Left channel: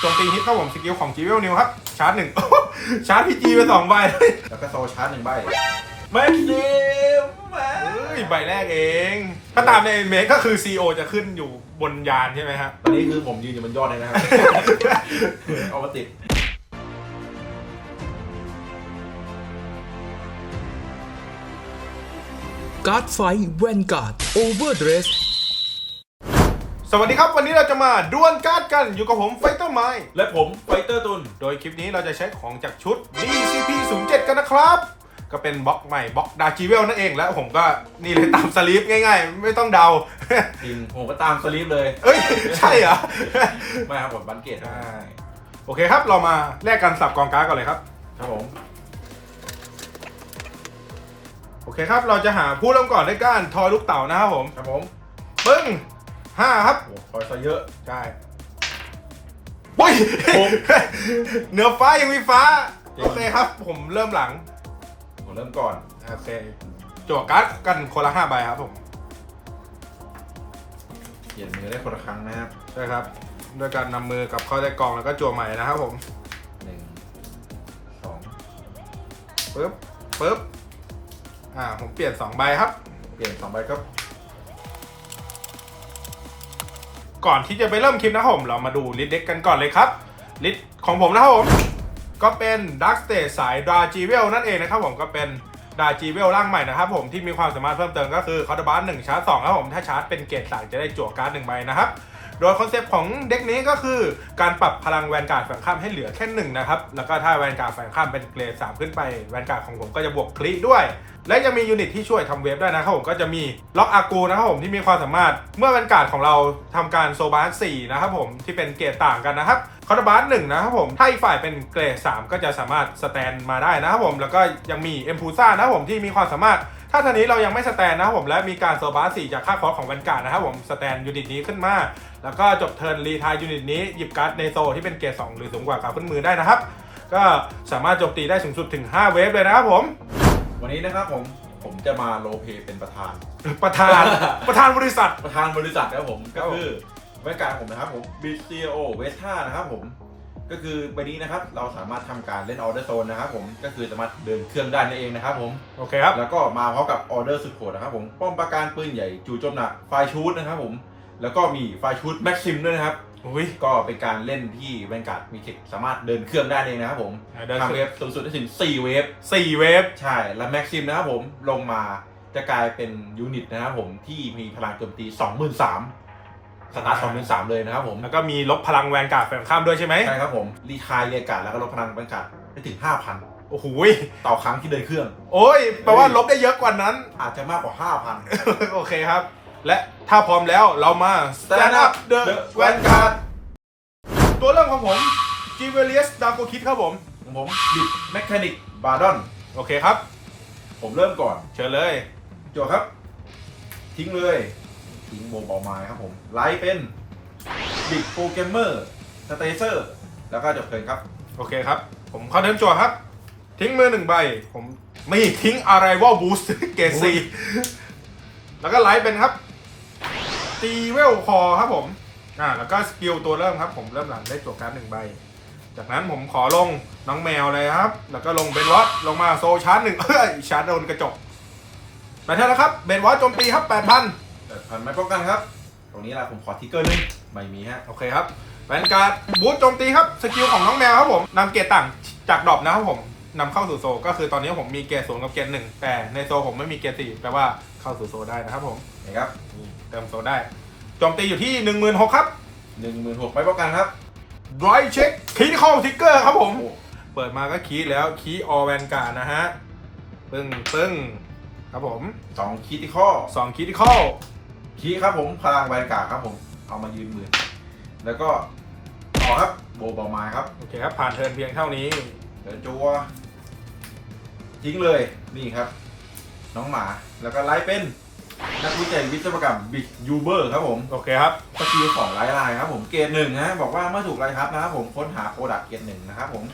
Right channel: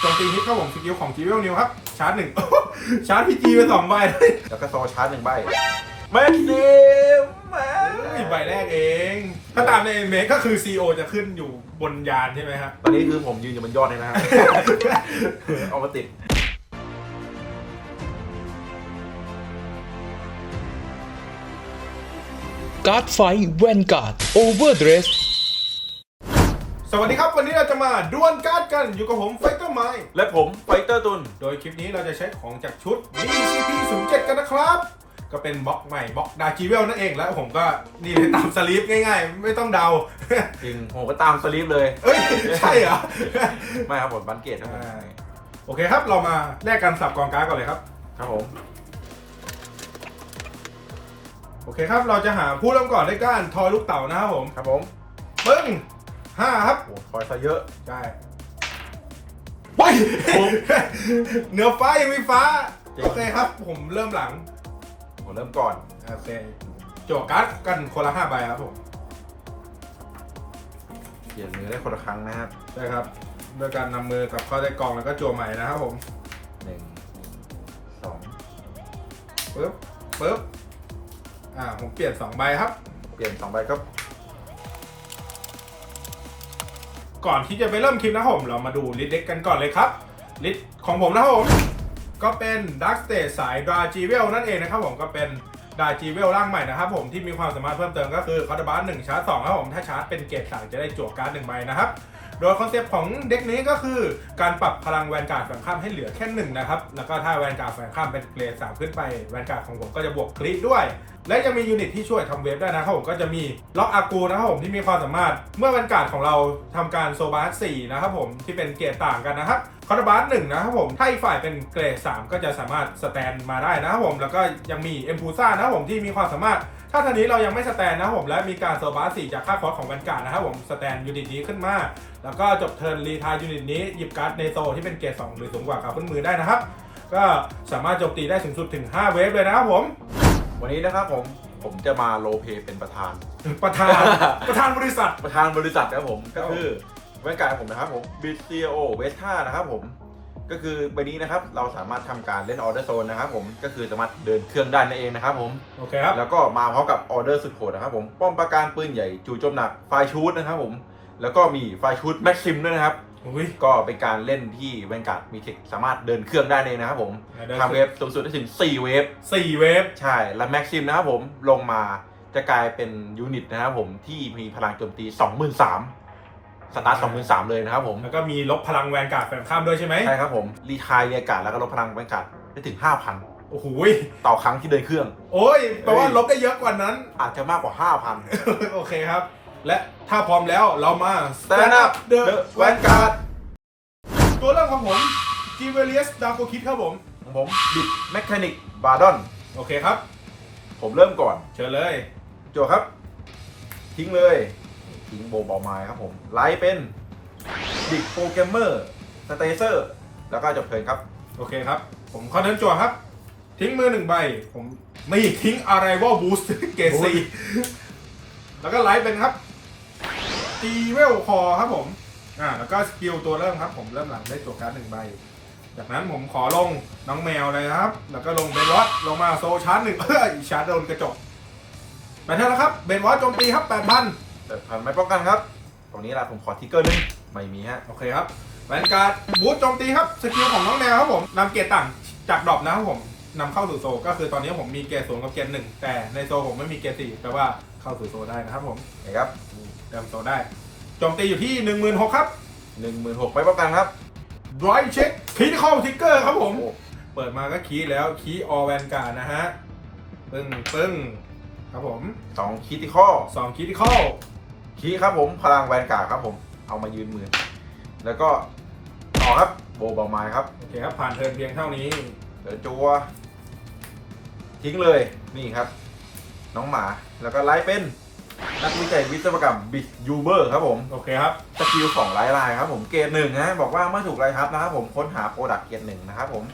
โจมตีฮิตครับผมสกิลของจีเวลนิวครับชาร์จหนึ่ง ชาร์จพีจีไปสองใบแล้วก็โซชาร์จหนึ่งใบแม่เกมแม่ใบแรกเองถ้าตามในเมคก็คือ CO จะขึ้นอยู่บนยานใช่ไหมครับตอนนี้คือผมยืนอยู่บนยอดเลยนะครับ เอามาติดการ์ดไฟแวนการ์ดโอเวอร์เดรส สวัสดีครับ วันนี้เราจะมาดวลการ์ดกันอยู่กับผมไฟเตอร์ไมและผมไฟเตอร์ตุน โดยคลิปนี้เราจะใช้ของจากชุด DCP 0 7กันนะครับ ก็เป็นบล็อกใหม่บล็อกดาจีเวลนั่นเองแล้วผมก็นี่เลยตามสลีปง่ายๆ ไม่ต้องเดา จริงผมก็ตามสลีปเลยเอ้ย ใช่เหรอ ไม่ครับผมบันเกตนะอ่าโอเคครับเรามาแลกกันสับกองการ์ดก่อนเลยครับ ครับผม โอเคครับเราจะหาผู้เริ่มก่อนด้วยการทอยลูกเต่านะครับผม ครับผมปึ้ง ห้าครับโอ้คอยซะเยอะ ใช่ว้ายผม เหนือฟ้ายังมีฟ้าจริงโอเคครับ ผมเริ่มหลังผมเริ่มก่อนโอเคจั่วการ์ดกันคนละห้าใบครับผมเปลี่ยนมือได้คนละครั้งนะครับใช่ครับด้วยการนำมือกับเข้าใต้กล่องแล้วก็จั่วใหม่นะครับผมหนึ่งสองปึ๊บปึ๊บอ่าผมเปลี่ยนสองใบครับ เปลี่ยนสองใบครับ ก่อนที่จะไปเริ่มคลิปนะครับผม เรามาดูลิสต์เด็กกันก่อนเลยครับ ลิสต์ของผมนะครับผม ก็เป็นดักสเต e สายดาจีเวลนั่นเองนะครับผมก็เป็นดาจีเวลร่างใหม่นะครับผมที่มีความสามารถเพิ่มเติมก็คือคอร์ดบาร์หนึ่งชาร์จสองครับผมถ้าชาร์จเป็นเกรดสายจะได้จั่วการ์ดหนึ่งใบนะครับ โดยคอนเซปต์ของเด็กนี้ก็คือการปรับพลังแวนการ์ดแฝงข้ามให้เหลือแค่หนึ่งนะครับ แล้วก็ถ้าแวนการ์ดแฝงข้ามเป็นเกรดสามขึ้นไปแวนการ์ดของผมก็จะบวกคลิด้วย และจะมียูนิตที่ช่วยทำเวฟได้นะครับผมก็จะมีล็อกอากูนะครับผมที่มีความสามารถเมื่อแวนการ์ดของเราทำการโซบาร์สี่นะครับผมที่เป็นเกรดต่างกันนะครับคอร์บาร์หนึ่งนะครับผมถ้าอีกฝ่ายเป็นเกรด3 ก็จะสามารถสแตนมาได้นะครับผมแล้วก็ยังมีเอ็มพูซ่านะครับผมที่มีความสามารถ ถ้าทันนี้เรายังไม่สแตนนะครับผมและมีการโซบาร์สี่จากค่าคอร์สของแวนการ์ดนะครับผมสแตนยูนิตนี้ขึ้นมา แล้วก็จบเทิร์นรีทายยูนิตนี้หยิบการ์ดในโซที่เป็นเกรด2หรือสูงกว่ากับขึ้นมือได้นะครับ ก็สามารถโจมตีได้สูงสุดถึง 5 เวฟเลยนะครับผม วันนี้นะครับผมผมจะมาโรลเพลย์เป็นประธาน ประธาน ประธานบริษัท ประธานบริษัทนะครับผมครัก็บคือแว่นการผมนะครับผมบิสซีโอเวสท่านะครับผม ก็คือใบนี้นะครับเราสามารถทำการเล่นออเดอร์โซนนะครับผมก็คือสามารถเดินเครื่องได้นั่นเองนะครับผมโอเคครับแล้วก็มาพร้อมกับออเดอร์สุดโหดนะครับผมป้อมปราการปืนใหญ่จู่โจมหนักไฟชูดนะครับผมแล้วก็มีไฟชูดแม็กซิมด้วยนะครับอุ้ยก็เป็นการเล่นที่แวนการ์ดมีเทคสามารถเดินเครื่องได้เองนะครับผมได้ทำเวฟสูงสุดได้ถึง4เวฟสี่เวฟใช่และแม็กซิมนะครับผมลงมาจะกลายเป็นยูนิตนะครับผมที่มีพลังโจมตี23,000 สตาร์ท23,000เลยนะครับผม แล้วก็มีลบพลังแวนการ์ดแฝงข้ามด้วยใช่ไหมใช่ครับผม รีคายเรียกการดแล้วก็ลดพลังแวนการ์ดได้ถึง5,000โอ้โหต่อครั้งที่เดินเครื่อง โอ้ยแปลว่าลบได้เยอะกว่านั้น อาจจะมากกว่า5,000โอเคครับ และถ้าพร้อมแล้วเรามา Stand up the Vanguard ตัวเริ่มของผม g i v e l i u s d a g o Kid ครับผม ของผมบิดแมคานิกบาร์ดอน โอเคครับ ผมเริ่มก่อน เชิญเลย โจครับ ทิ้งเลย ทิ้งโบว์บอลไม้ครับผมไลท์เป็นบิดโปรแกรมเมอร์สเตเซอร์แล้วก็จบเพลินครับ โอเคครับ ผมเข้าเดินจั่วครับ ทิ้งมือหนึ่งใบ ผมไม่ทิ้งอะไรว่าบูสเกรดโอ้ซียแล้วก็ไลฟ์เป็นครับตีเวลคอครับผมอ่าแล้วก็สกิลตัวเริ่มครับ ผมเริ่มหลังได้จั่วการ์ดหนึ่งใบ จากนั้นผมขอลงน้องแมวเลยครับ แล้วก็ลงเบนวอตลงมาโซชาร์จหนึ่งเอ้ยชาร์จโดนกระจกไปเท่าแล้วครับเบนวอตโจมตีครับแปดพัน เปิดพันไม่ป้องกันครับ ตรงนี้ละผมขอทิกเกอร์หนึงไม่มีฮะ โอเคครับแวนการ์ดบูทโจมตีครับ สกิลของน้องแมวครับผมนำเกียร์ต่างจากดรอปนะครับผมนำเข้าสู่โซลก็คือตอนนี้ผมมีเกียร์ศูนย์กับเกียร์หนึ่งแต่ในโซลผมไม่มีเกียร์สี่แปลว่าเข้าสู่โซลได้นะครับผมนะครับนี่เติมโซลได้โจมตีอยู่ที่1 6 0 0 0ครับหนึ่งหมื่นหกไม่ป้องกันครับดรายเช็คคีย์เข้าทิกเกอร์ครับผมโอ้เปิดมาก็คีย์แล้วคีย์ออแวนการ์ดนะฮะปึ้งปึ้งครับผมสองคิติคอ2คีย์เข้า คีครับผมพลังแวนการ์ดครับผมเอามายืนมือ แล้วก็ต่อครับโบบอลไม้ครับโอเคครับ ผ่านเทิร์นเพียงเท่านี้เดี๋ยวจัวทิ้งเลยนี่ครับ น้องหมาแล้วก็ไลฟ์เป็น นักวิจัยวิศวกรรมบิ๊กยูเบอร์ครับผมโอเคครับ สกิลของไลฟ์ไลน์ครับผมเกรดหนึ่งนะบอกว่าเมื่อถูกไลฟ์ทับนะครับผมค้นหาโปรดักต์เกรดหนึ่งนะครับผม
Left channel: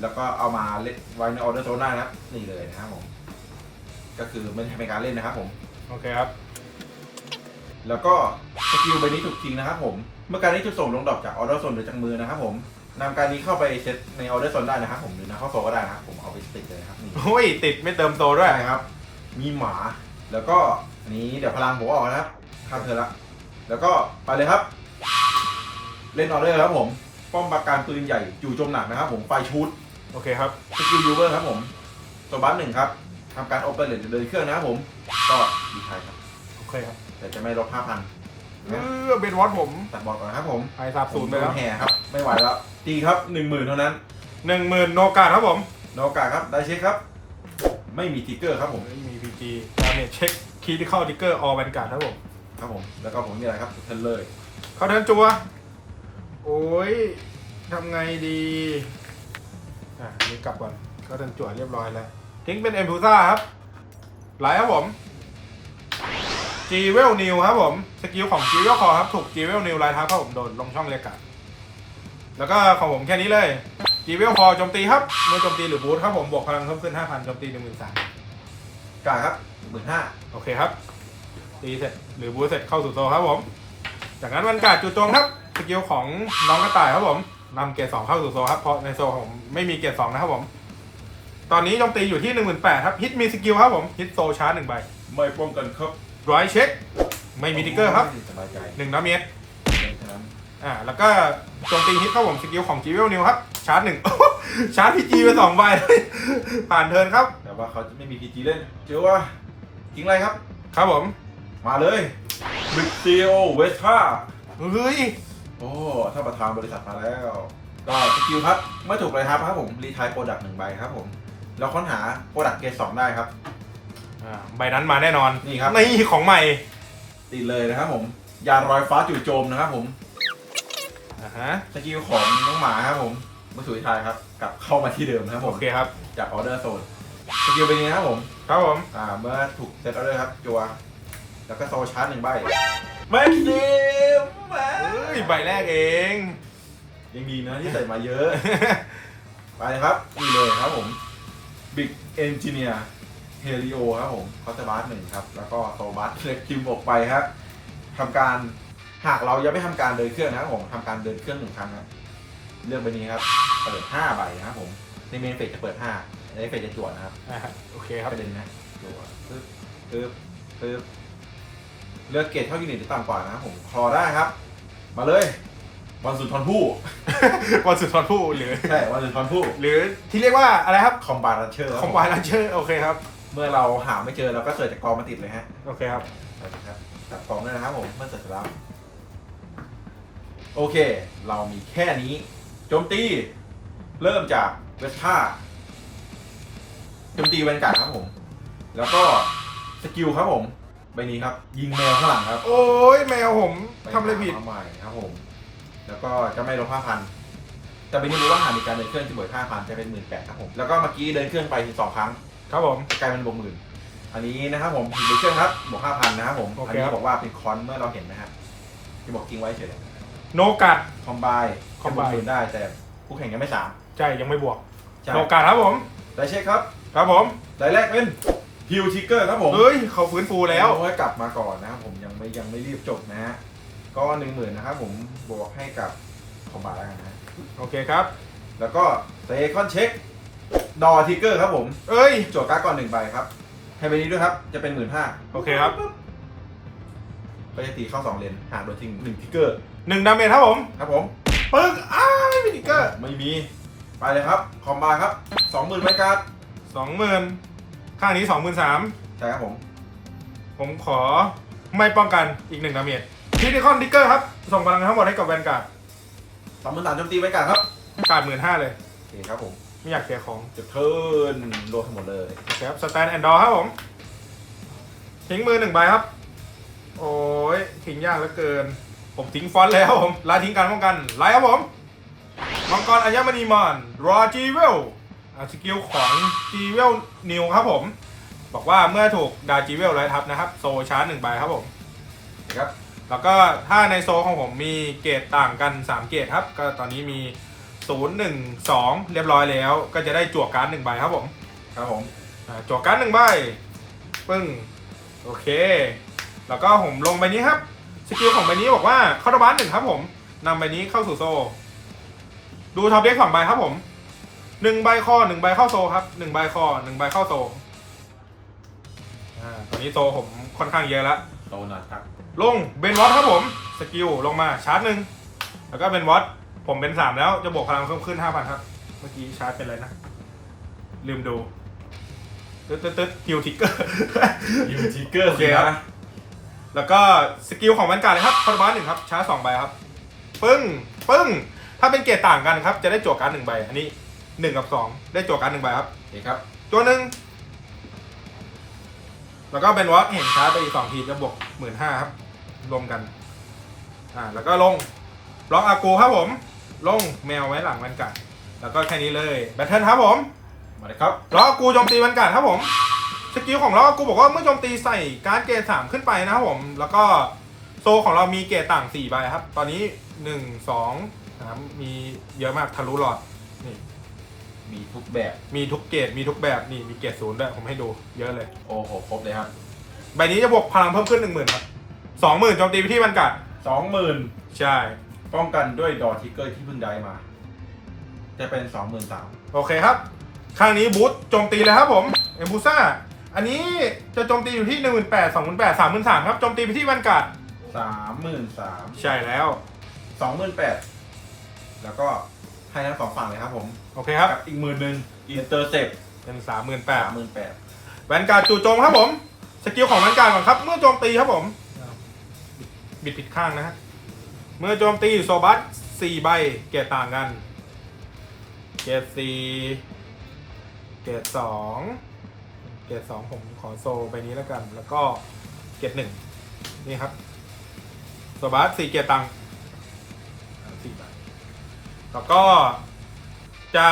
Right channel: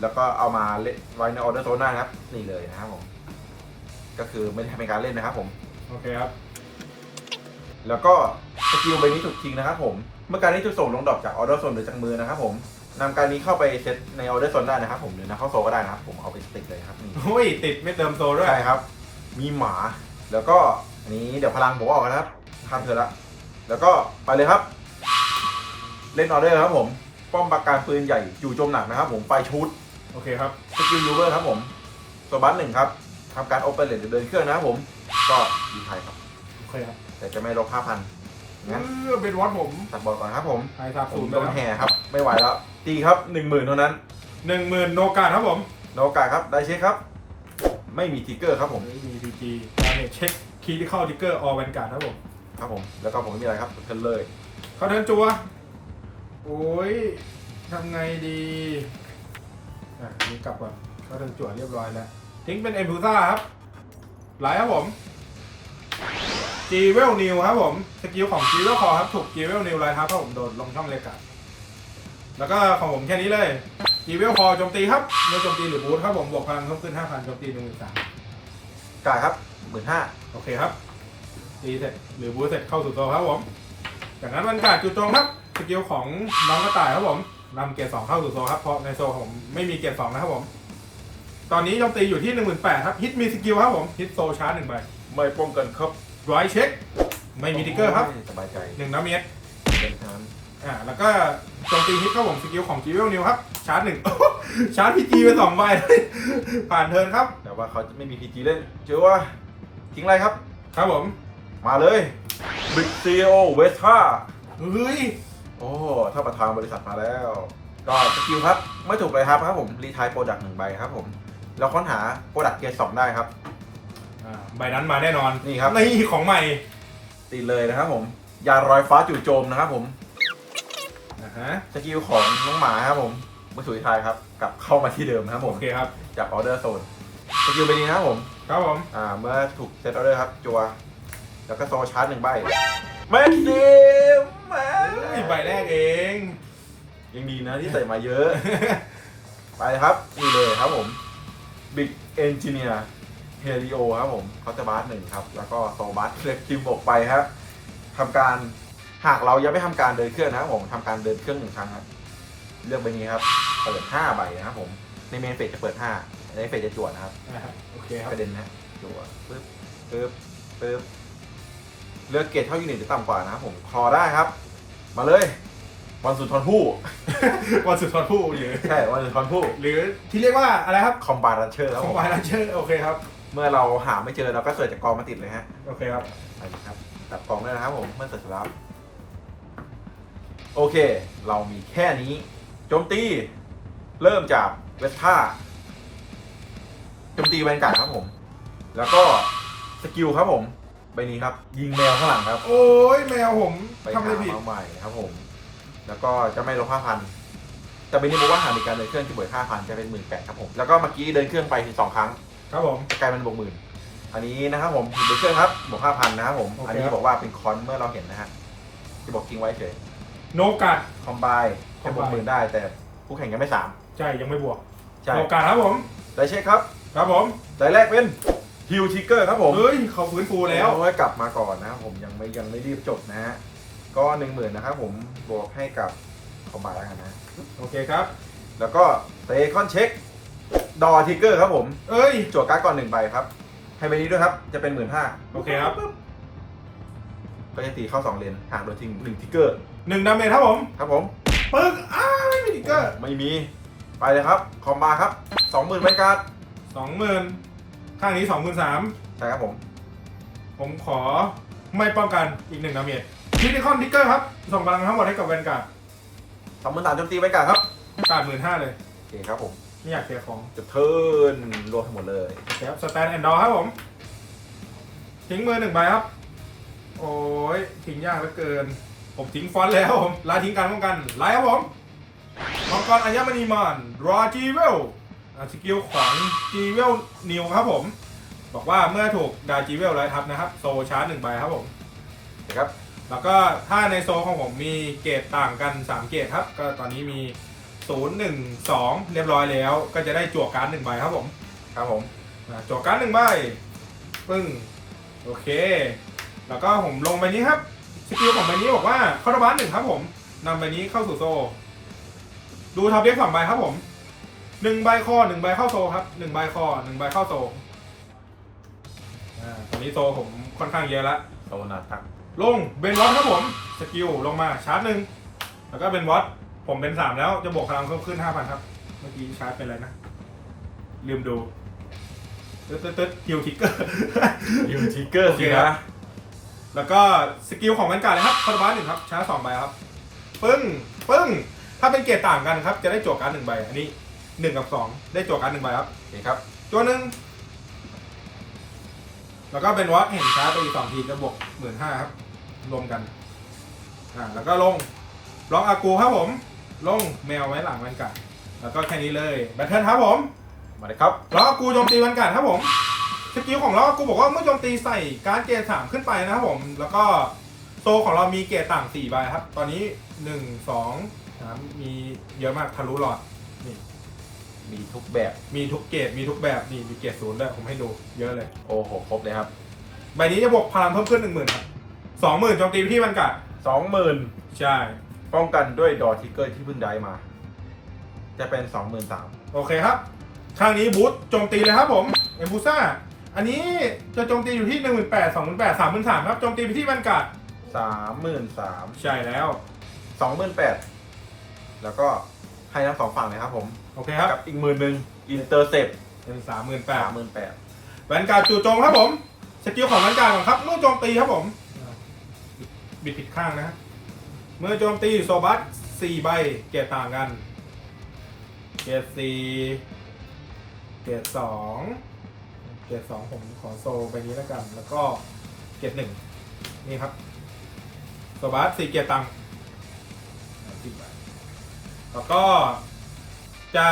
แล้วก็เอามาเล่นไว้ในออเดอร์โซนได้นะครับ นี่เลยนะครับผม ก็คือไม่ได้เป็นการเล่นนะครับผม โอเคครับ แล้วก็สกิลใบนี้ถูกทิ้งนะครับผม เมื่อการนี้ถูกส่งลงดอกจากออเดอร์โซนหรือจากมือนะครับผมนำการนี้เข้าไปเซตในออเดอร์โซนได้นะครับผมหรือนะเข้าโซก็ได้นะครับผมเอาไปติดเลยครับนี่โอ้ยติดไม่เติมโตด้วย ใช่ครับ มีหมา แล้วก็อันนี้เดี๋ยวพลังผมออกนะครับข้ามเธอละ แล้วก็ไปเลยครับ เล่นออเดอร์ครับผม ป้อมปราการปืนใหญ่จู่โจมหนักนะครับ ผมไฟชูดโอเคครับสกิลยูเบอร์ครับผมตัวบัสหนึ่งครับทำการโอเปเรตหรือเดินเครื่องนะครับผม ก็ดีไทยครับ โอเคครับ แต่จะไม่ลบ5,000เองั้นอเป็นวัดผมตัดบอลก่อนครับผมไปสาบผศูมนย์ไปโดแล้นวแห่ครับ ไม่ไหวแล้ว ตีครับ10,000เท่านั้น หนึ่งหมื่นโนกาครับผมโนกาครับ ได้เช็คครับ ไม่มีทิกเกอร์ครับผมไม่มีพีจีดาเมจเช็คคีย์ที่เข้าดิกเกอร์ออแวนการ์ดครับผมครับผม แล้วก็ผมไม่มีอะไรครับเทนเลยเข้าเทิร์นจัว โอ้ยทำไงดีอะอันนี้กลับก่อนเข้าเทิร์นจัวเรียบร้อยแล้ว ทิ้งเป็นเอ็มพูซ่าครับไหลครับผม จีเวลนิวครับผมสกิลของจีเวลคอครับถูกจีเวลนิวไลท์ทับครับผมโดนลงช่องเล็กกัดแล้วก็ของผมแค่นี้เลยจีเวลคอโจมตีครับเมื่อโจมตีหรือบูทครับผมบวกพลังเพิ่มขึ้น5,000โจมตี1 3 0 0 0กาครับหมื่นห้าโอเคครับตีเสร็จหรือบูทเสร็จเข้าสู่โซครับผม จากนั้นวันการดจู่โจมครับสกิลของน้องกระต่ายครับผมนำเกรดสองเข้าสู่โซครับเพราะในโซของผมไม่มีเกรดสองนะครับผม ตอนนี้โจมตีอยู่ที่1 8 0 0 0ครับฮิตมีสกิลครับผมฮิตโซชาร์จหนึ่งใบไม่ป้องกันครับ ร้อยเช็ค ไม่มีทิกเกอร์ครับสบายใจหนึ่งน้ำเมตรเป็นเท่านั้นอ่าแล้วก็โจมตีฮิตครับผมสกิลของจีเวลนิวครับ ชาร์จหนึ่ง ชาร์จพีจีไปสองใบ ผ่านเทิร์นครับ แต่ว่าเขาไม่มีพีจีเล่นเจอว่าทิ้งอะไรครับ ครับผม มาเลยบิ๊กซีโอเวสท่าเฮ้ย โอ้ถ้าประธานบริษัทมาแล้ว ก็สกิลครับไม่ถูกเลยครับครับผมรีทายโปรดักต์หนึ่งใบครับผม เราค้นหาโปรดักต์เกรดสองได้ครับ อ่าใบนั้นมาแน่นอนนี่ครับ นี่ของใหม่ติดเลยนะครับผมยารอยฟ้าจู่โจมนะครับผมอ่าฮะสกิลของน้องหมาครับผมเมื่อถูกรีทายครับ กลับเข้ามาที่เดิมนะครับผโอมเคครับ จากออเดอร์โซนสกิลเป็นยังไงครับผม ครับผมอ่าเมื่อถูกเซตออเดอร์ครับ จัว แล้วก็โซชาร์จหนึ่งใบแม็กซิมแม็เฮ้ยใบแรกเอง ยังดีนะที่ใส่มาเยอะ ไปครับนี่เลยครับผมบิ๊ก เอนจิเนียร์เฮลิโอครับผมเขาจะบาร์หนึ่งครับ แล้วก็โซบัสเลือกคิมออกไปครับทำการหากเรายังไม่ทำการเดินเครื่องนะครับผมทำการเดินเครื่องหนึ่งครั้งครับ เลือกใบนี้ครับเปิดห้าใบนะครับผมในเมนเฟสจะเปิดห้าในเฟสจะจวดนะครับอ่าฮะโอเคครับประเด็นนะจัวปึ๊บปึ๊บปึ๊บเลือกเกรดเท่ายูนิตหรือต่ำกว่านะครับผมคอได้ครับ มาเลย วันสุนทรภู่ วันสุดทอนผู้หรือใช่ วันสุนทรภู่หรือที่เรียกว่าอะไรครับคอมบาร์เชอร์คอมไบลันเชอร์โอเคครับเมื่อเราหาไม่เจอเราก็เสิร์ชจากกองมาติดเลยฮะโอเคครับไปครับตัดกองได้นะครับผมเมื่อเสร็จแล้วโอเค เรามีแค่นี้โจมตี เริ่มจากเวสท่าโจมตีแวนการ์ดครับผม แล้วก็สกิลครับผมใบนี้ครับ ยิงแมวข้างหลังครับ โอ้ยแมวผมไปทำอะไรผิดหามาใหม่ครับผม แล้วก็จะไม่ลบห้าพันแต่เป็นนี้บอกว่าหากมีการเดินเครื่องจะเบิดห้าพันจะเป็นหมื่นแปดครับผม แล้วก็เมื่อกี้เดินเครื่องไปถึงสองครั้งครับผมกลายเป็นบวกหมื่นอันนี้นะครับผมเดินเครื่องครับบวกห้าพันนะครับผมโอเคอันนี้บอกว่าเป็นคอนเมื่อเราเห็นนะฮะที่บอกทิ้งไว้เฉยโนกัดคอมไบแค่บวก Combine หมื่นได้แต่คู่แข่งยังไม่สามใช่ยังไม่บวกใช่โนกัดครับผมได้เช็คครับครับผมได้แรกเป็นฮิวทิกเกอร์ครับผมเฮ้ยเขาฟื้นฟูแล้วเอาไว้กลับมาก่อนนะครับผมยังไม่ยังไม่รีบจบนะฮะ ก็หนึ่งหมื่นนะครับผมบวกให้กับคอมไบแล้วกันนะ โอเคครับ แล้วก็เซคอนเช็ค ดอทิกเกอร์ครับผม เอ้ยจวดการ์ดก่อนหนึ่งใบครับ ให้ใบนี้ด้วยครับ จะเป็นหมื่นห้าโอเคครับ ก็จะตีเข้าสองเลนห่างโดยทิ้งหนึ่งทิกเกอร์ หนึ่งดาเมจครับผม ครับผมปึ๊กอ้าวไม่มีติ๊กเกอร์ ไม่มี ไปเลยครับ คอมบาครับสองหมื่นใบการ์ดสองหมื่นข้างนี้สองหมื่นสามใช่ครับผม ผมขอไม่ป้องกันอีกหนึ่งดาเมจ คริติคอนติ๊กเกอร์ครับ ส่งพลังทั้งหมดให้กับแวนการ์ดสองหมื่นสามโจมตีใบการ์ดครับการ์ดหมื่นห้าเลย โอเคครับผมไม่อยากเสียของจะเทิร์นรวมทั้งหมดเลยโอเคครับสแตนแอนด์ดอครับผม ทิ้งมือหนึ่งใบครับ โอ้ย ทิ้งยากเหลือเกิน ผมทิ้งฟอนต์แล้วผมลาทิ้งการป้องกัน ไลท์ครับผม มังกรอัญมณีมอนรอจีเวลสกิลของจีเวลนิวครับผม บอกว่าเมื่อถูกดาจีเวลไลท์ทับนะครับ โซชาร์จหนึ่งใบครับผมนะครับ แล้วก็ถ้าในโซของผมมีเกรดต่างกัน 3 เกรดครับ ก็ตอนนี้มี 0 1 2 เรียบร้อยแล้ว ก็จะได้จั่วการ์ดหนึ่งใบครับผม ครับผมอ่าจั่วการ์ดหนึ่งใบ ปึ้ง โอเค แล้วก็ผมลงใบนี้ครับ สกิลของใบนี้บอกว่าเข้าระบานหนึ่งครับผมนำใบนี้เข้าสู่โซ ดูท็อปเด็กสองใบครับผมหนึ่งใบคอหนึ่งใบเข้าโซครับหนึ่งใบคอหนึ่งใบเข้าโซ อ่า ตอนนี้โซผมค่อนข้างเยอะแล้วโซนาทัก ลงเบนวอตครับผม สกิลลงมาชาร์จหนึ่งแล้วก็เบนวอตผมเป็นสามแล้วจะบวกพลังเพิ่มขึ้นห้าพันครับ เมื่อกี้ชาร์จเป็นอะไรนะ ลืมดูตึ๊ดตึ๊ดตึ๊ดฮิวทิกเกอร์ ยูทิกเกอร์โอเคครับแล้วก็สกิลของแวนการ์ดเลยครับคาร์บานหนึ่งครับชาร์จสองใบครับ ปึ้ง ปึ้ง ถ้าเป็นเกรดต่างกันครับ จะได้จั่วการ์ดหนึ่งใบ อันนี้หนึ่งกับสองได้จั่วการ์ดหนึ่งใบครับโอเคครับตัวหนึ่งแล้วก็เป็นวอตเห็นชาร์จไปอีกสองทีจะบวกหมื่นห้าครับ รวมกันอ่าแล้วก็ลงบล็อกอากูครับผม ลงแมวไว้หลังแวนการ์ดแล้วก็แค่นี้เลยแบทเทิลครับผมมาเลยครับล็อกอากูโจมตีแวนการ์ดครับผมสกิลของล็อกอากูบอกว่าเมื่อโจมตีใส่การ์ดเกรดสามขึ้นไปนะครับผม แล้วก็โซของเรามีเกรดต่างสี่ใบครับ ตอนนี้หนึ่งสองสามมีเยอะมากทะลุหลอดนี่มีทุกแบบ มีทุกเกรดมีทุกแบบนี่มีเกรดศูนย์ด้วยผมให้ดูเยอะเลย โอ้โห ครบเลยครับ ใบนี้จะบวกพลังเพิ่มขึ้นหนึ่งหมื่นครับ สองหมื่นโจมตีไปที่มันกัดสองหมื่นใช่ ป้องกันด้วยดอทิกเกอร์ที่เพิ่งได้มา จะเป็นสองหมื่นสามโอเคครับข้างนี้บูทโจมตีเลยครับผม เอมบูซ่า อันนี้จะโจมตีอยู่ที่หนึ่งหมื่นแปดสองหมื่นแปดสามหมื่นสามครับ โจมตีไปที่มันกัดสามหมื่นสามใช่แล้วสองหมื่นแปดแล้วก็ให้ทั้งสองฝั่งเลยครับผม โอเคครับ กับอีกหมื่นหนึ่งอินเตอร์เซ็ปเป็นสามหมื่นแปดสามหมื่นแปดแวนการ์ดจู่โจมครับผม สกิลของแวนการ์ดของครับ เมื่อโจมตีครับผม บิดผิดข้างนะครับเมื่อโจมตีโซบัสสี่ใบเกรดต่างกัน เกรดสี่เกรดสองเกรดสองผมขอโซใบนี้แล้วกัน แล้วก็เกรดหนึ่งนี่ครับโซบัสสี่เกรดต่างอ่าสี่ใบแล้วก็จะ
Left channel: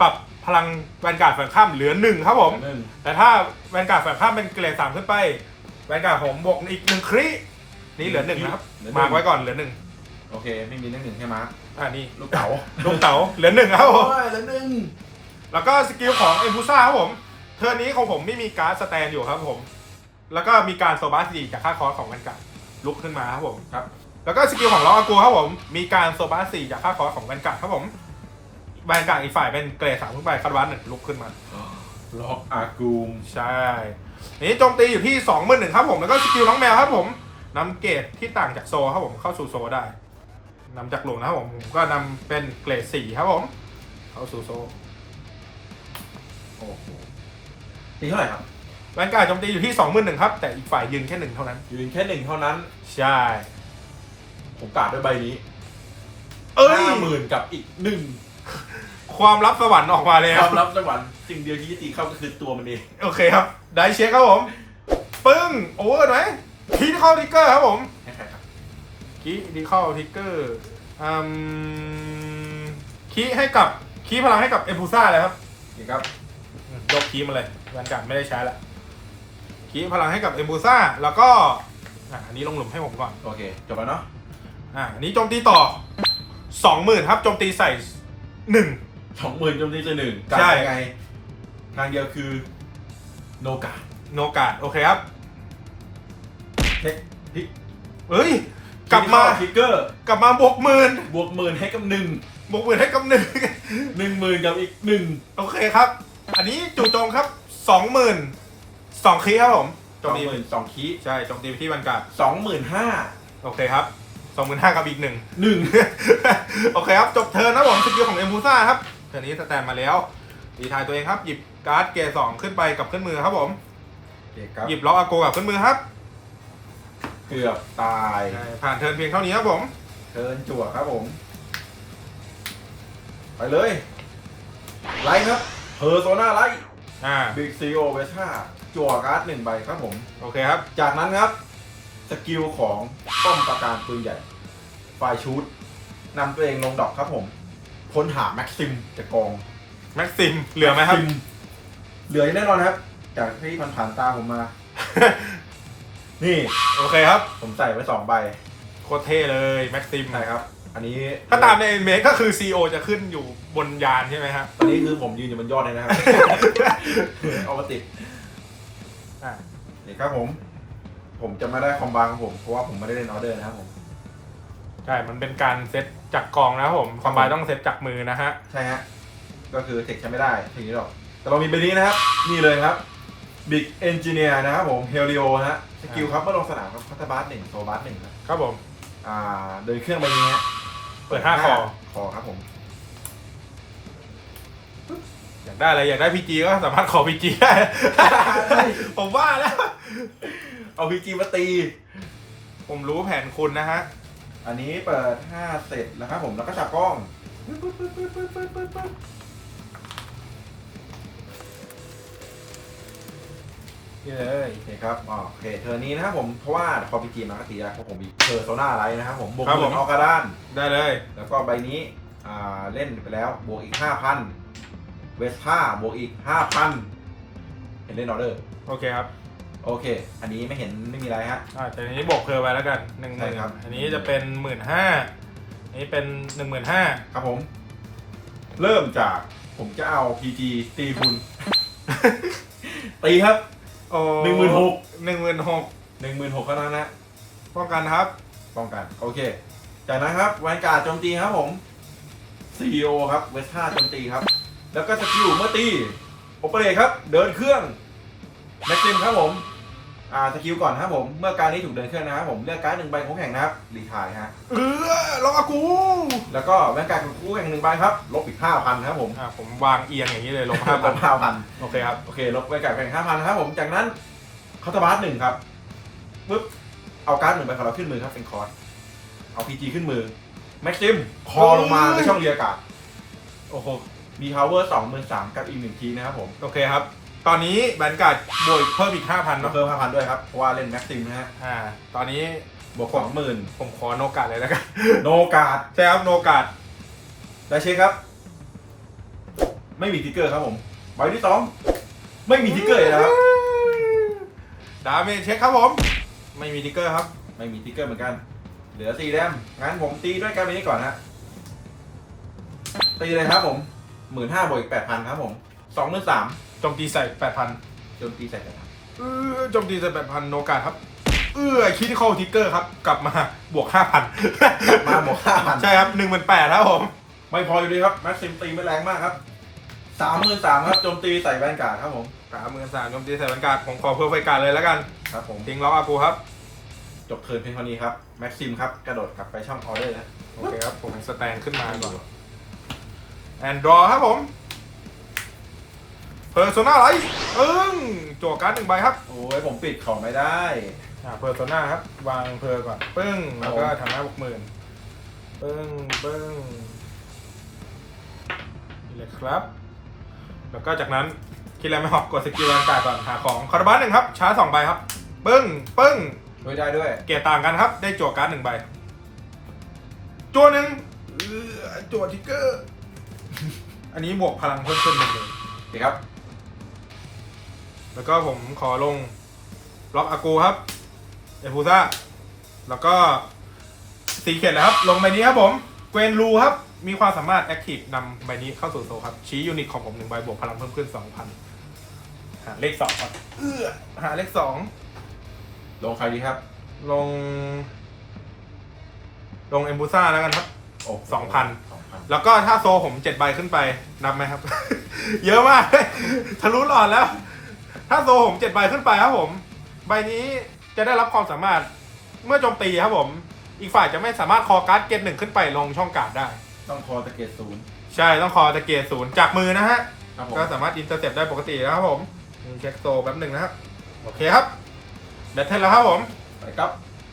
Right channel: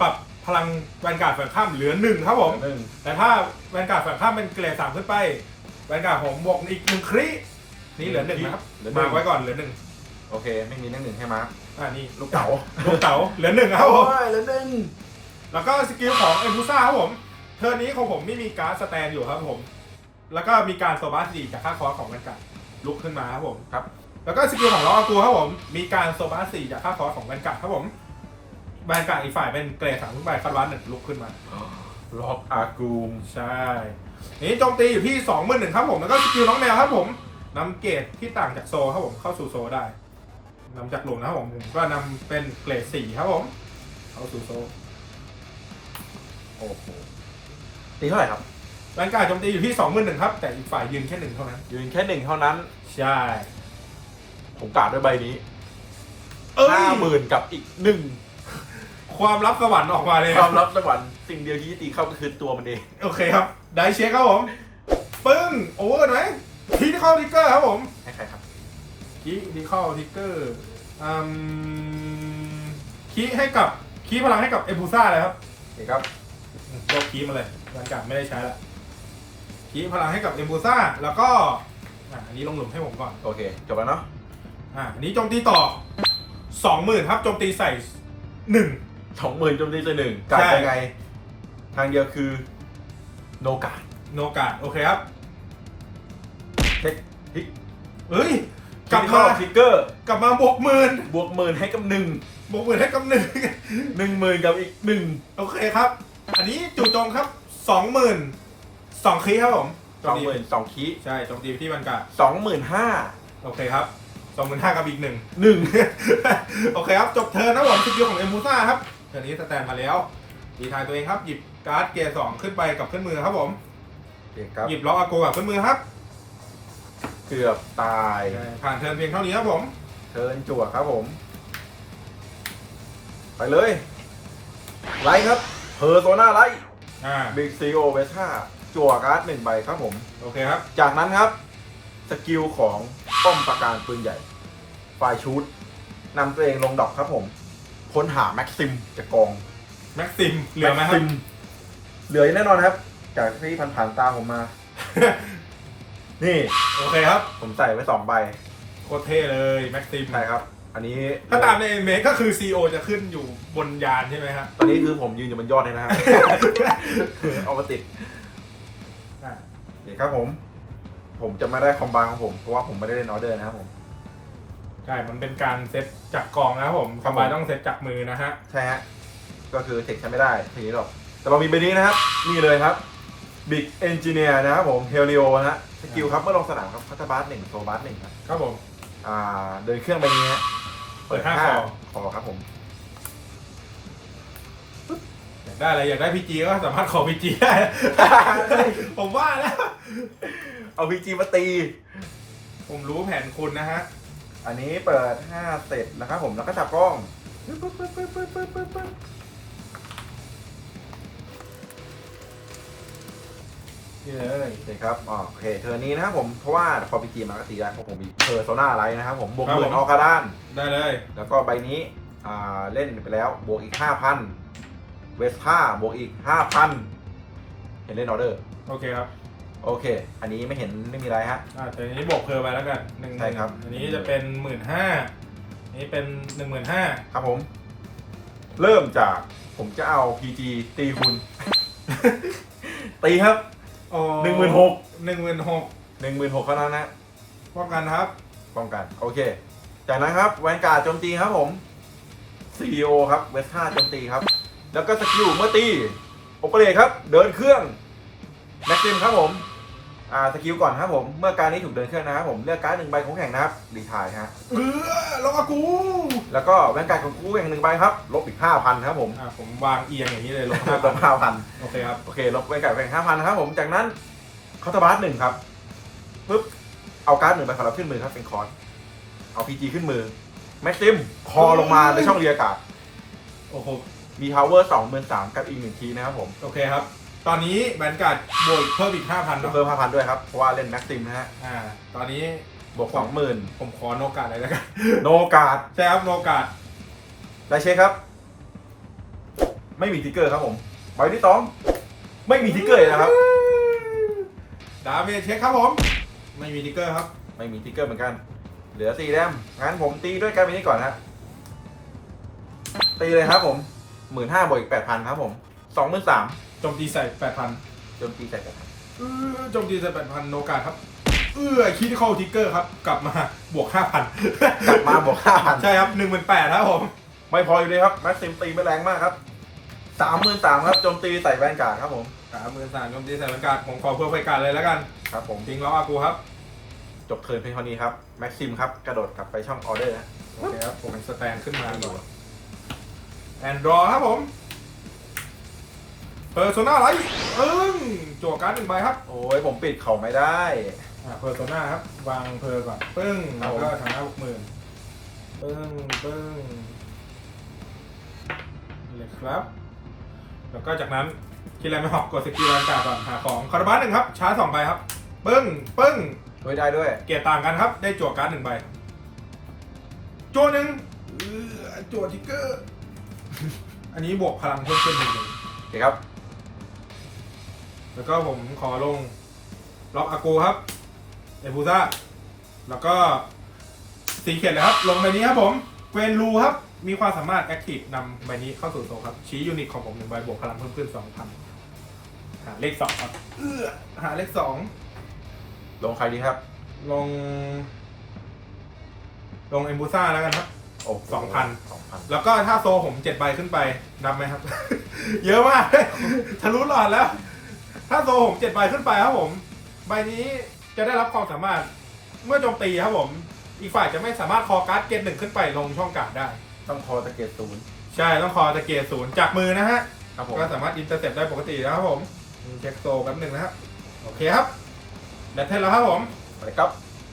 ปรับพลังแวนการ์ดฝั่งข้ามเหลือหนึ่งครับผมหนึ่งแต่ถ้าแวนการ์ดฝั่งข้ามเป็นเกรดสามขึ้นไป แวนการ์ดผมบวกอีกหนึ่งคริ นี่เหลือหนึ่งนะครับเหลือหนึ่มางไว้ก่อนเหลือหนึ่งโอเค ไม่มีเรื่องหนึ่งใช่ไหมอ่านี่ลูกเต๋าลูกเต๋าเหลือหนึ่งครับผมโอ้ยเหลือหนึ่งแล้วก็สกิลของเอ็มบูซ่าครับผม เทอร์นนี้ของผมไม่มีการ์ดสแตนอยู่ครับผม แล้วก็มีการโซบาสดีจากค่าคอร์สของแวนการ์ดลุกขึ้นมาครับผมครับ แล้วก็สกิลของล้ออากูครับผม มีการโซบาสสี่จากค่าคอร์สของแวนการ์ดครับผมแวนการ์ดอีกฝ่ายเป็นเกรดสามขึ้นไปคาร์วันหนึ่งลุกขึ้นมา ล็อกอากูมใช่ นี่โจมตีอยู่ที่2องหมื่นหนึ่งครับผม แล้วก็สกิลน้องแมวครับผม นำเกรดที่ต่างจากโซครับผมเข้าสู่โซได้นำจากโหลนะครับผมผมก็นำเป็นเกรดสี่ครับผมเข้าสู่โซโอ้โหตีเท่าไหร่ครับแวนการ์ดโจมตีอยู่ที่2องหมื่นหนึ่งครับ แต่อีกฝ่ายยืนแค่หนึ่งเท่านั้น ยืนแค่หนึ่งเท่านั้น ใช่ ผมกาดด้วยใบนี้เอ้ยห้าหมื่นกับอีกหนึ่งความลับสวรรค์ออกมาเลยคครัวาบมลับสวรรค์สิ่งเดียวที่ตีเข้าก็คือตัวมันเอง โอเคครับ ได้เช็คครับผม ปึ้ง โอเวอร์ไหม คีที่เข้าทิกเกอร์ครับผมให้ใครครับคีที่เข้าทิกเกอร์อืมคีให้กับคีพลังให้กับเอพูซ่าเลยครับโอเคครับยกคีย์มาเลยวันจันทร์ไม่ได้ใช้ละคีย์พลังให้กับเอมบูซ่าแล้วก็อะอันนี้ลงหลุมให้ผมก่อนโอเค จบแล้วเนาะอะอันนี้โจมตีต่อสองหมื่นครับโจมตีใส่หนึ่ง สองหมื่นจมตีจะหนึ่งการใช่ ยังไง ทางเดียวคือ โนกา โนกาดโอเคครับ เช็คพลิกเฮ้ย กลับมาทิกเกอร์กลับมาบวกหมื่นบวกหมื่นให้กับหนึ่งบวกหมื่นให้กับหนึ่งหนึ่งหมื่นกับอีกหนึ่งโอเคครับ อันนี้จู่โจมครับสองหมื่นสองคีย์ครับผมโจสมองตีหมื่นสองคีใช่โจมตีไปที่บรรกาศสองหมื่นห้าโอเคครับสองหมื่นห้ากับอีกหนึ่งหนึ่งโอเคครับ จบเทิร์นนะผมสกิลของเอมบูซ่าครับเทิร์นนี้สแตนมาแล้วดีทายตัวเองครับ หยิบการ์ดเกรสองขึ้นไปกับขึ้นมือครับผมโอเคครับหยิบล็อกอาโกกับขึ้นมือครับ เกือบตายผ่านเทิร์นเพียงเท่านี้ครับผม เทิร์นจั่วครับผม ไปเลยไลท์ครับเพอร์โซนาไลท์อ่าบิ๊กซีโอเวช่าจั่วการ์ดหนึ่งใบครับผม โอเคครับ จากนั้นครับ สกิลของป้อมประการปืนใหญ่ไฟชูดนำตัวเองลงดอกครับผม ค้นหาแม็กซิมจากกอง แม็กซิม เหลือไหมครับซิเหลือแน่นอนครับ จากที่ผ่านๆตาผมมา นี่โอเคครับ ผมใส่ไว้สองใบโคตรเท่เลยแม็กซิมใช่ครับ อันนี้ถ้าตามในเมก็คือ CEO จะขึ้นอยู่บนยานใช่ไหมครับตอนนี้คือผมยืนอยู่บนยอดเลยนะครับ เอามาติดอ่านี่ครับผม ผมจะไม่ได้คอมบางของผม เพราะว่าผมไม่ได้เล่นออเดอร์นะครับผม ใช่ มันเป็นการเซตจากกองนะครับผมคอมไบต้องเซตจากมือนะฮะ ใช่ฮะ ก็คือเทคใช้ไม่ได้ทีนี้หรอก แต่เรามีใบนี้นะครับ นี่เลยครับ Big Engineer นะครับผมเฮลิโอนะฮะ สกิลครับเมื่อลงสนามครับพัตบาร์หนึ่งโซบาร์หนึ่งครับครับผม อ่าเดินเครื่องใบนี้ฮะเปิดห้าคอ คอครับผมอยากได้อะไรอยากได้พีจีก็สามารถขอพีจีได้ ผมว่าแล้ว เอาพีจีมาตี ผมรู้แผนคุณนะฮะ อันนี้เปิด5เสร็จแล้วครับผมแล้วก็จับกล้องปึ๊บปึ๊บปึ๊บปึ๊บปึ๊บปึ๊บปึ๊บ นี่เลยโอเคครับอ๋อโอเคเทอร์นี้นะครับผมเพราะว่าพอพีจีมาก็ตีได้เพราะผมมีเพอร์โซนาไลท์นะครับผมบวกครับหมื่ผมนออกกระด้าน ได้เลย แล้วก็ใบนี้อ่าเล่นไปแล้วบวกอีก5,000เวสท่าบวกอีก5,000เห็นเล่นออเดอร์โอเคครับ โอเค อันนี้ไม่เห็นไม่มีอะไรฮะ อ่าแต่อันนี้บวกเพอร์ไปแล้วกันหนึ่งใช่ครับ อันนี้จะเป็นหมื่นห้าอันนี้เป็นหนึ่งหมื่นห้าครับผม เริ่มจากผมจะเอา PG ตีคุณ ตีครับโอ้ หนึ่งหมื่นหกหนึ่งหมื่นหกหนึ่งหมื่นหกเท่านั้นนะป้องกันครับป้องกันโอเค จากนั้นครับแวนการ์ดโจมตีครับผม CEO ครับเวสท่าโจมตีครับ แล้วก็สกิลเมื่อตีโอเปเรตครับ เดินเครื่องแม็กซิมครับผม อ่าสกิลก่อนครับผม เมื่อการนี้ถูกเดินเครื่องนะครับผม เลือกการ์ดหนึ่งใบของแข่งนะครับดีทายฮะ เออลงอากูแล้วก็แวนการ์ดของคู่แข่งหนึ่งใบครับ ลบอีกห้าพันครับผมอ่าผมวางเอียงอย่างนี้เลยลงห้าห้าพัพันนห้าพันโอเคครับ โอเค ลบแวนการ์ดแข่งห้าพันครับผม จากนั้นคอร์ตบาร์หนึ่งครับปุ๊บ เอาการ์ดหนึ่งใบของเราขึ้นมือครับเป็นคอร์สเอาพีจีขึ้นมือ แม็กซิม คอลงมาในช่องเรียกาศโอ้โห มีพาวเวอร์สองหมื่นสามกับอีกหนึ่งทีนะครับผม โอเคครับ ตอนนี้แบนการ์ดบวกเพิ่มอีกห้าพันก็เนาะเพิ่มห้าพันด้วยครับเพราะว่าเล่นแม็กซิมนะฮะอ่า ตอนนี้บวกสองหมื่นผมขอโนกาดเลยแล้วกัน โนการ์ดใช่ครับโนกาดได้เช็คครับ ไม่มีทิกเกอร์ครับผมใบที่สองไม่มีทิกเกอร์เลยนะครับ ดาเมจเช็คครับผม ไม่มีทิกเกอร์ครับ ไม่มีทิกเกอร์เหมือนกัน เหลือสี่แต้มงั้นผมตีด้วยการไปนี้ก่อนฮะตีเลยครับผมหมื่นห้าบวกอีกแปดพันครับผม สองหมื่นสามโจมตีใส่แปดพันโจมตีใส่กันเออโจมตีใส่แปดพันโนกาดครับ เออคิดเข้าทิกเกอร์ครับ กลับมาบวกห้าพันกลับมาบวกห้าพันใช่ครับหนึ่งหมื่นแปดครับผม ไม่พออยู่เลยครับแม็กซิมตีไม่แรงมากครับสามหมื่นสามครับโจมตีใส่แวนการ์ดครับผมสามหมื่นสามโจมตีใส่แบนการ์ดผมขอเพิ่มไฟการ์ดเลยแล้วกันครับผมทิ้งล็อกอากูครับ จบเทิร์นเพียงเท่านี้ครับแม็กซิมครับกระโดดกลับไปช่องออเดอร์ฮะโอเคครับผมสแตนขึ้นมาก่อนแอนดรอครับผม เพอร์โซนาไลท์เอิ้งจั่วการ์ดหนึ่งใบครับโอ้ยผมปิดเขาไม่ได้ อ่าเพอร์โซนาครับ วางเพอร์ก่อนปึ้งแล้วก็ทำหน้าหกหมื่นปึ้งปึ้งเลยครับ แล้วก็จากนั้นคิดอะไรไม่ออกกดสกิลแวนการ์ดก่อนหาของคาร์บัสหนึ่งครับชาร์จสองใบครับปึ้งปึ้งช่วยได้ด้วย เกียร์ต่างกันครับ ได้จั่วการ์ดหนึ่งใบจั่วหนึ่งเอื้อจั่วทิกเกอร์ อันนี้บวกพลังเพิ่มขึ้นหนึ่งเลยโอเคครับ แล้วก็ผมขอลงล็อกอากูครับเอฟูซ่าแล้วก็สีเขียนเลยครับ ลงใบนี้ครับผม เกวนรูครับ มีความสามารถแอคทีฟนำใบนี้เข้าสู่โซลครับ ชี้ยูนิตของผมหนึ่งใบบวกพลังเพิ่มขึ้นสองพันหาเลขสองครับ เอื้อหาเลขสองลงใครดีครับ ลง ลงเอมบูซ่าแล้วกันครับ โอ้สองพัน สองพันแล้วก็ถ้าโซผมเจ็ดใบขึ้นไปนับไหมครับ เยอะมาก ทะลุหลอดแล้ว ถ้าโซผมเจ็ดใบขึ้นไปครับผม ใบนี้จะได้รับความสามารถเมื่อโจมตีครับผม อีกฝ่ายจะไม่สามารถคอการ์ดเกตหนึ่งขึ้นไปลงช่องการ์ดได้ ต้องคอตะเกียบศูนย์ใช่ต้องคอตะเกียร์ศูนย์จากมือนะฮะ ครับผมก็สามารถอินเตอร์เซปได้ปกตินะครับผมเช็คโซแป๊บหนึ่งนะครับโอเคครับเดทเทนแล้วครับผม ไปครับ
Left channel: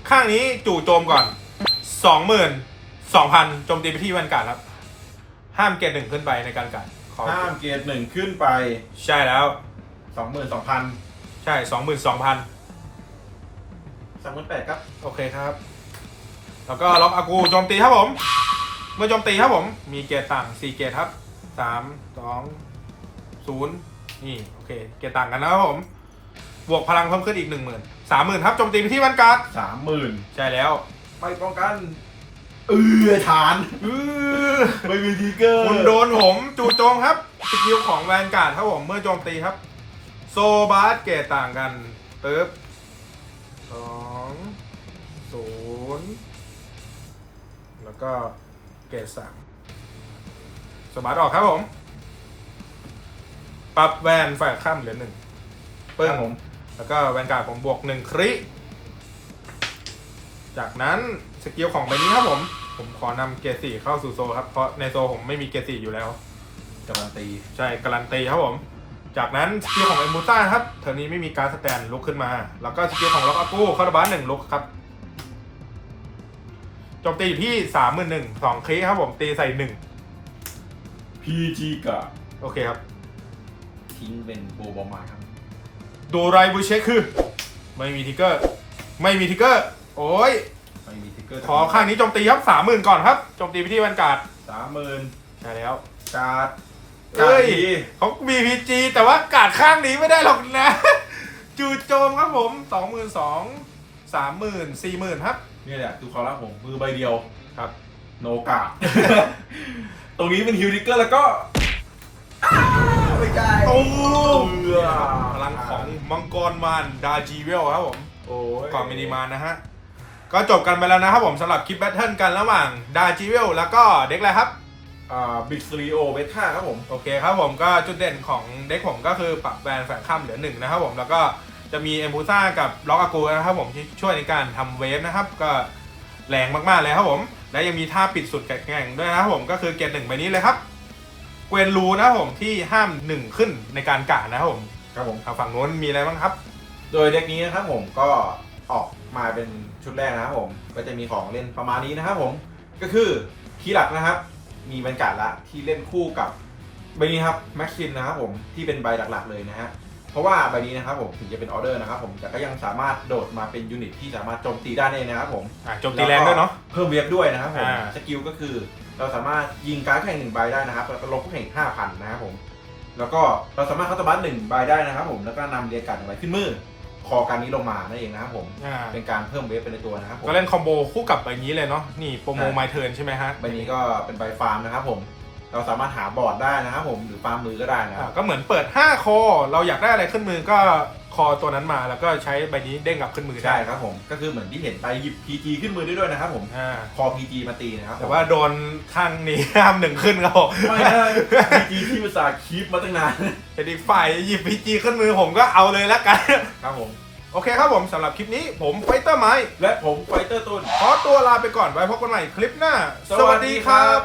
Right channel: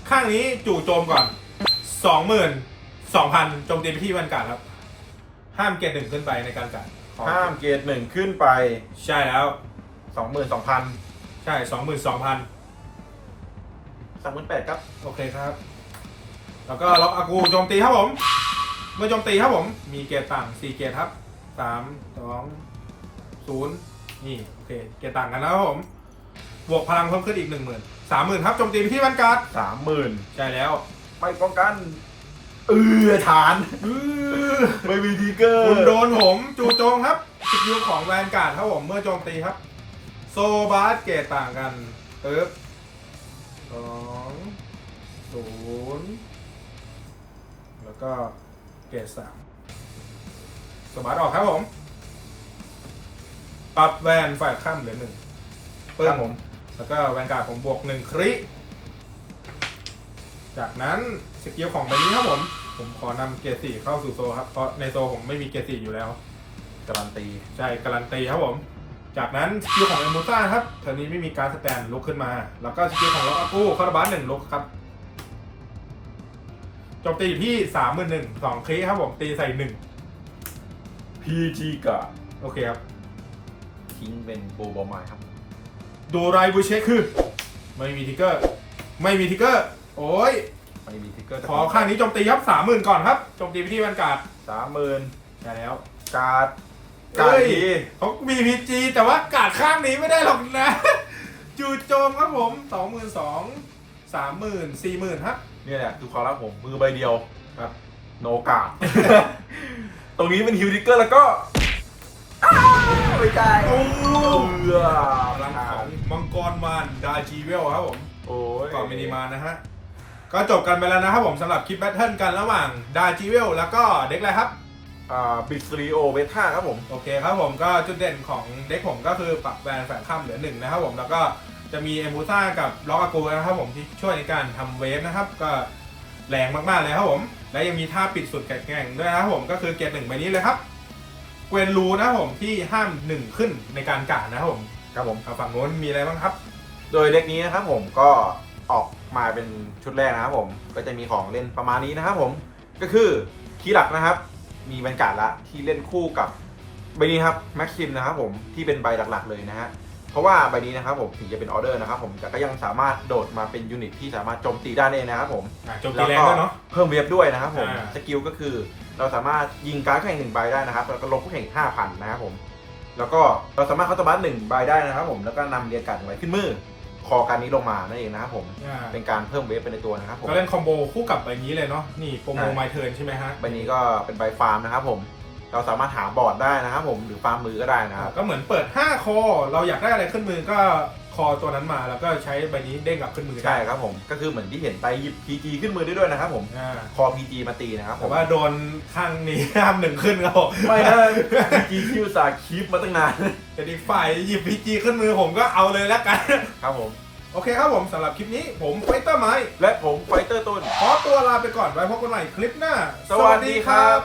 ข้างนี้จู่โจมก่อนสองหมื่นสองพันโจมตีไปที่แวนการ์ดครับ ห้ามเกตหนึ่งขึ้นไปในการการดขอห้ามเกียร์หนึ่งขึ้นไป ใช่แล้ว สองหมื่นสองพันใช่สองหมื่นสองพันสามหมื่นแปดครับ โอเคครับ แล้วก็ล็อกอากูโจมตีครับผม เมื่อโจมตีครับผม มีเกตต่างสี่เกตครับสามสองศูนย์นี่โอเค เกตต่างกันนะครับผม บวกพลังเพิ่มขึ้นอีกหนึ่งหมื่นสามหมื่นครับโจมตีไปที่วันการ์ดสามหมื่นใช่แล้วไม่ป้องกัน เออฐานอื้อไม่มีทิกเกอร์ คุณโดนผม จู่โจมครับสกิลของแวนการ์ดครับผม เมื่อโจมตีครับ โซบาสเกตต่างกันปึ๊บโอองศูนย์แล้วก็เกรดสามสมาร์ทออกครับผม ปรับแวนฝ่ายข้ามเหลือหนึ่งปึ้คงรับผม แล้วก็แวนการ์ดผมบวกหนึ่งคริจากนั้นสกิลของใบนี้ครับผม ผมขอนำเกรดสี่เข้าสู่โซลครับ เพราะในโซลผมไม่มีเกรดสี่อยู่แล้ว การันตี ใช่ การันตีครับผม จากนั้นสกิลของเอมูซ่าครับเทอร์นี้ไม่มีการดสแตนลุกขึ้นมา แล้วก็สกิลของล็อกอากูคาร์บานหนึ่งลุกครับโจมตีอยู่ที่สามหมื่นหนึ่งสองคลิครับผมตีใส่หนึ่งพีจีกะโอเคครับ ทิ้งเป็นบูบอมายครับ ดูไรบูเช็คคือ ไม่มีทิกเกอร์ ไม่มีทิกเกอร์ โอ้ยไม่มีทิกเกอร์ขอข้างนี้โจมตีครับสามหมื่นก่อนครับโจมตีไปที่แวนการ์ดสามหมื่นใช่แล้ว การ์ดเอ้ การ์ดยทีเขามีพีจีแต่ว่าการ์ดข้างนี้ไม่ได้หรอกนะ จู่โจมครับผมสองหมื่นสองสามหมื่นสี่หมื่นครับเนี่ยแหละคือความรักผมมือใบเดียวครับ โนกาตรงนี้เป็นฮิวทิกเกอร์แล้วก็อ้าวไม่ใช่โอ้เบื่อพลังของมังกรมารดาจีเวลครับผมโอ้ยก่อนมินิมานนะฮะ ก็จบกันไปแล้วนะครับผมสำหรับคลิปแบทเทิลกันระหว่างดาจีเวลแล้วก็เด็กอะไรครับอ่า บิ๊กซีโอเบต้าครับผม โอเคครับผมก็จุดเด่นของเด็กผมก็คือปรับแบนแฝงข้ามเหลือหนึ่งนะครับผมแล้วก็จะมีเอมูซ่ากับล็อกอากูนะครับผมที่ช่วยในการทำเวฟนะครับ ก็แรงมากๆเลยครับผม และยังมีท่าปิดสุดแข็งๆด้วยนะครับผมก็คือเกียร์หนึ่งใบนี้เลยครับเกวนรูนะครับผมที่ห้ามหนึ่งขึ้นในการกาดนะครับผมครับผมทางฝั่งโน้นมีอะไรบ้างครับ โดยเด็กนี้นะครับผมก็ออกมาเป็นชุดแรกนะครับผม ก็จะมีของเล่นประมาณนี้นะครับผม ก็คือคีย์หลักนะครับ มีบรรยากาศละที่เล่นคู่กับใบนี้ครับแม็กซิมนะครับผมที่เป็นใบหลักๆเลยนะฮะเพราะว่าใบนี้นะครับผมถึงจะเป็นออเดอร์นะครับผมแต่ก็ยังสามารถโดดมาเป็นยูนิตที่สามารถโจมตีได้เลยนะครับผมอ่าโจมตีแรงด้วยเนาะ เพิ่มเวฟด้วยนะครับผมอ่า สกิลก็คือเราสามารถยิงการดแข่งหนึ่งใบได้นะครับแล้วก็ลบคู่แข่งห้าพันนะครับผมแล้วก็เราสามารถเข้าตบัสหนึ่งใบได้นะครับผมแล้วก็นำเรียนการดหนึ่งใบขึ้นมือ คอการนี้ลงมานั่นเองนะครับผม อ่าเป็นการเพิ่มเวฟไปในตัวนะครับผมก็เล่นคอมโบคู่กับใบนี้เลยเนาะนี่โปรโมอ่าไมเทิร์นใช่ไหมฮะใบนี้ก็เป็นใบฟาร์มนะครับผม เราสามารถหาบอร์ดได้นะครับผมหรือฟาร์มมือก็ได้นะคอ่ารับก็เหมือนเปิด 5 คอ เราอยากได้อะไรขึ้นมือก็ คอตัวนั้นมาแล้วก็ใช้ใบนี้เด้งกลับขึ้นมือได้ใช่ครับผม ก็คือเหมือนที่เห็นไปหยิบ PG ขึ้นมือได้ด้วยนะครับผม อ่าคอ PG มาตีนะครับผแต่มว่าโดนข้างนี้ห้ามหนึ่งขึ้นครับผมไม่นะ PG ที่อุตส่าห์คีปมาตั้งนาน แต่อีกฝ่ายหยิบพีจีขึ้นมือผมก็เอาเลยแล้วกัน ครับผม โอเคครับผมสำหรับคลิปนี้ผมไฟเตอร์ไม้และผมไฟเตอร์ต้น ขอตัวลาไปก่อนไว้พบกันใหม่คลิปหน้า สวัสดีครับ